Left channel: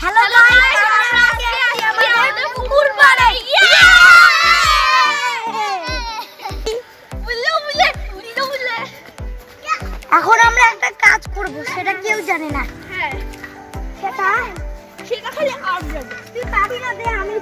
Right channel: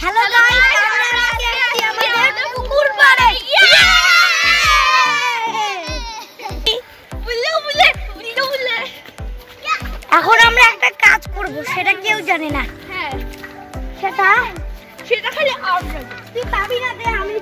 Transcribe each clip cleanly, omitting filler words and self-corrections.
Hello guys, আমরা আজকে আছি আমাদের পুকুর পাড়ে। এখন আমরা একটা কাজ করব, সেটা কেউ জানে না। হ্যাঁ, সেটা খালি আমরা। তুই পাবি না, দে আমি।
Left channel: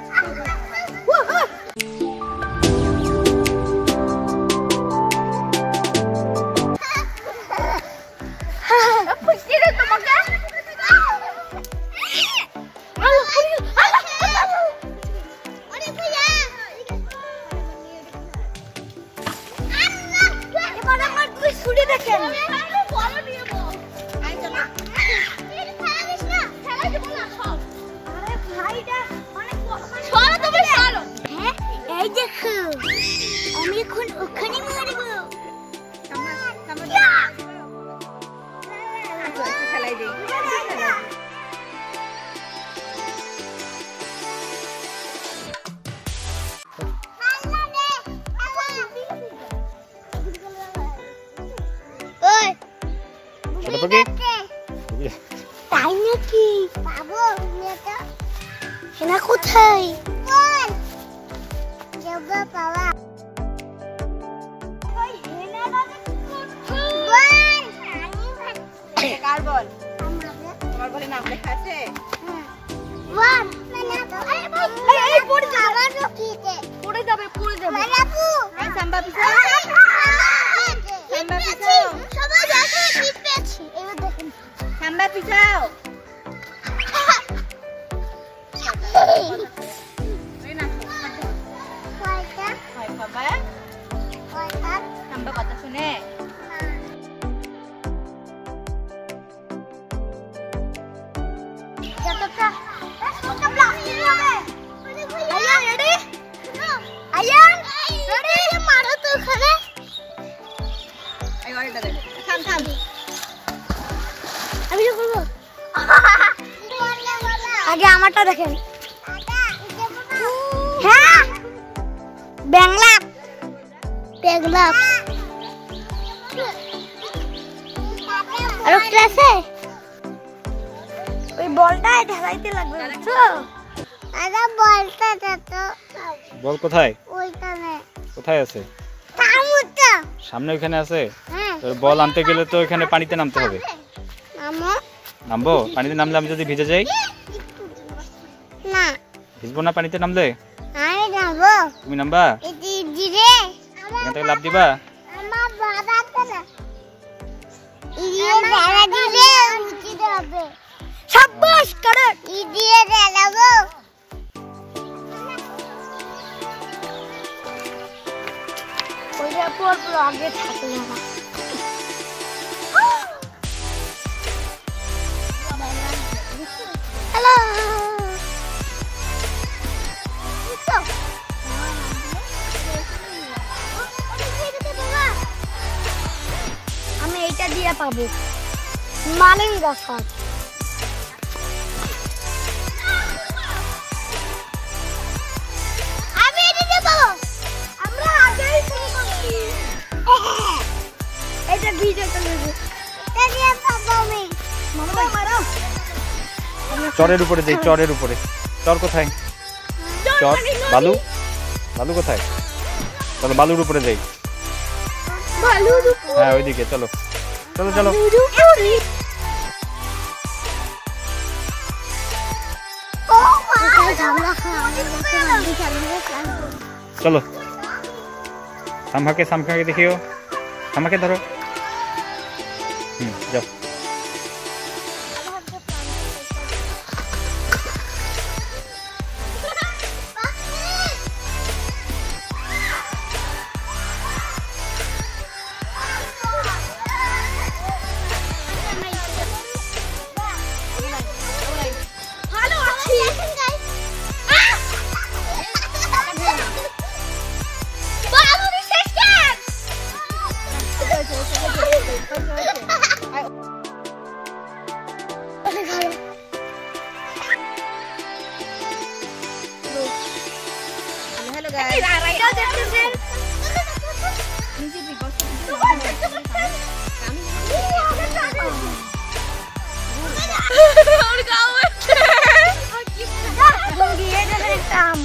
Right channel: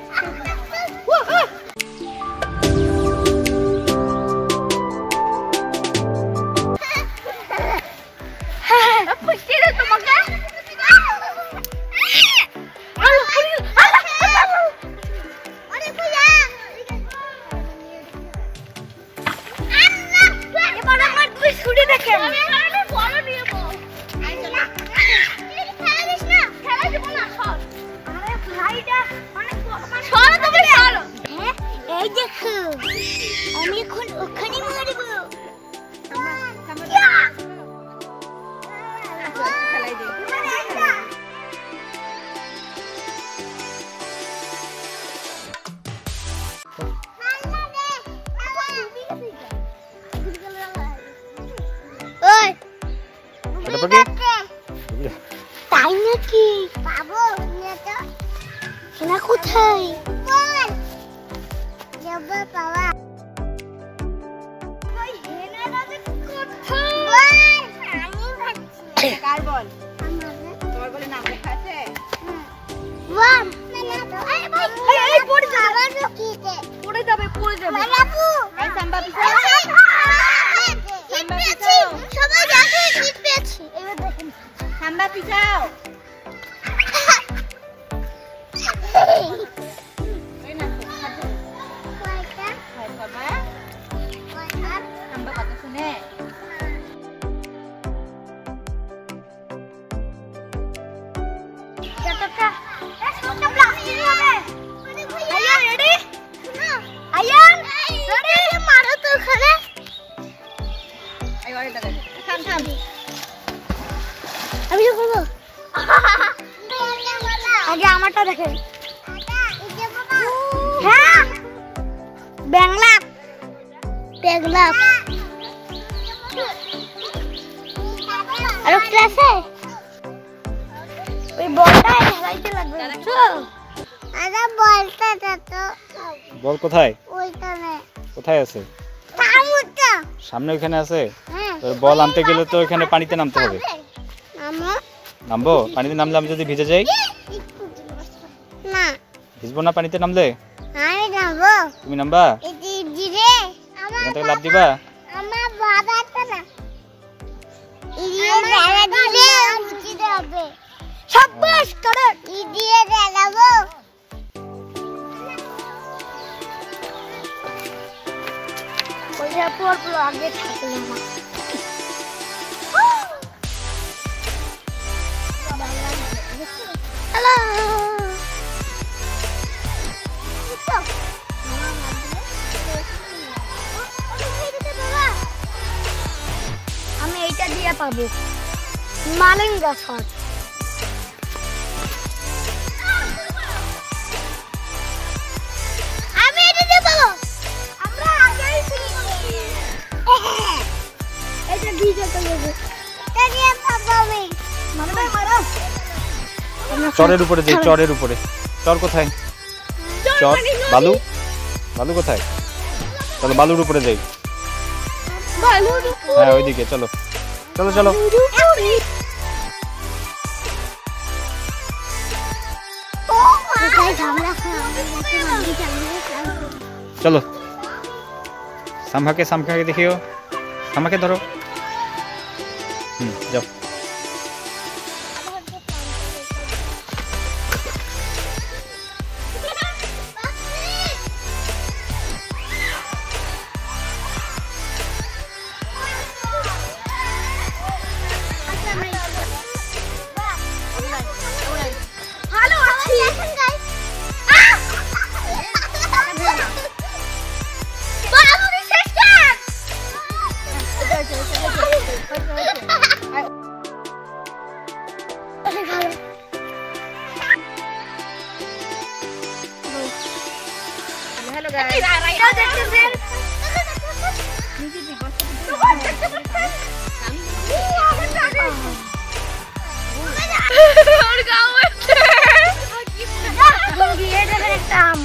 আমি এখন ওখানে মারব। তাই নাকি? পাবো না? কোথায় যাবো পাওয়া? আগে আমারটা দেখেন। হ্যাঁ, বাংলা বাংলা আর ক্লাসে ওই বলটা খেলাইতে লাগবে। আরে বলটা তো বল কোথায়? ওইখানে। কোথায় আছে? সামনে ওখানে আছে। তোর বল আনতে গেলে তো এখানে পানিতে নামতে হবে। নামবো? পানিতে নামলে আমি যদি ভিজে যাই? না, ভিজবো না পানিতে নামলে? আমি নামবো। তুমি নামবা? এখান থেকে লাফ দিবা? আমার বাবা তো না, ইয়ে দাঁড়া দিলে উঠে যাবে। সাব্বাস করে ইয়ে দাঁড়াবো। ওইটা পুরো আগে থাকলে না। হ্যালো, আমি এইটা দিয়ে পাবো মালেঙ্গা শট। আমি এটা দিয়ে পাবো। আমরা আগেই পেয়েছি। এটা ভিডিও করে দেব। এটা দিয়ে পাবো আমি। মারো মারো। চরের উপরে যাই, চরের উপরে। চর কোথায়? চর বালু, বালু কোথায়? চলো বালুর উপরে যাই। হ্যাঁ ওইদিকে চলো চলো চলো। চলো সামখাকে দেখিও। সামখাকে ধরো। যাও। Our আম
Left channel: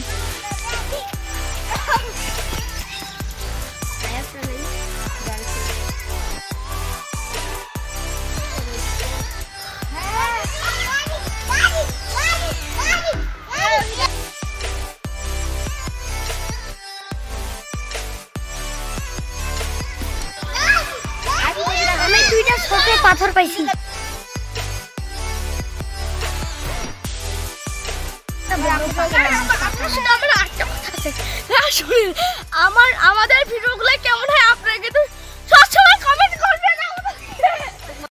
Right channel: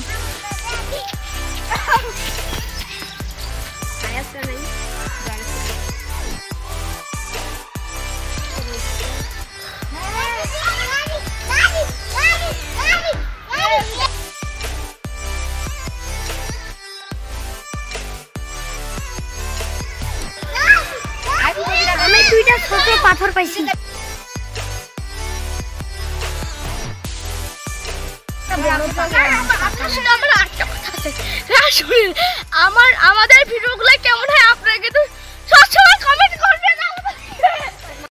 আমি দুইটা ছোট পাথর পাইছি। আমাদের ভিডিওগুলো কেমন হয় আপনারা কিন্তু সবসময় কমেন্ট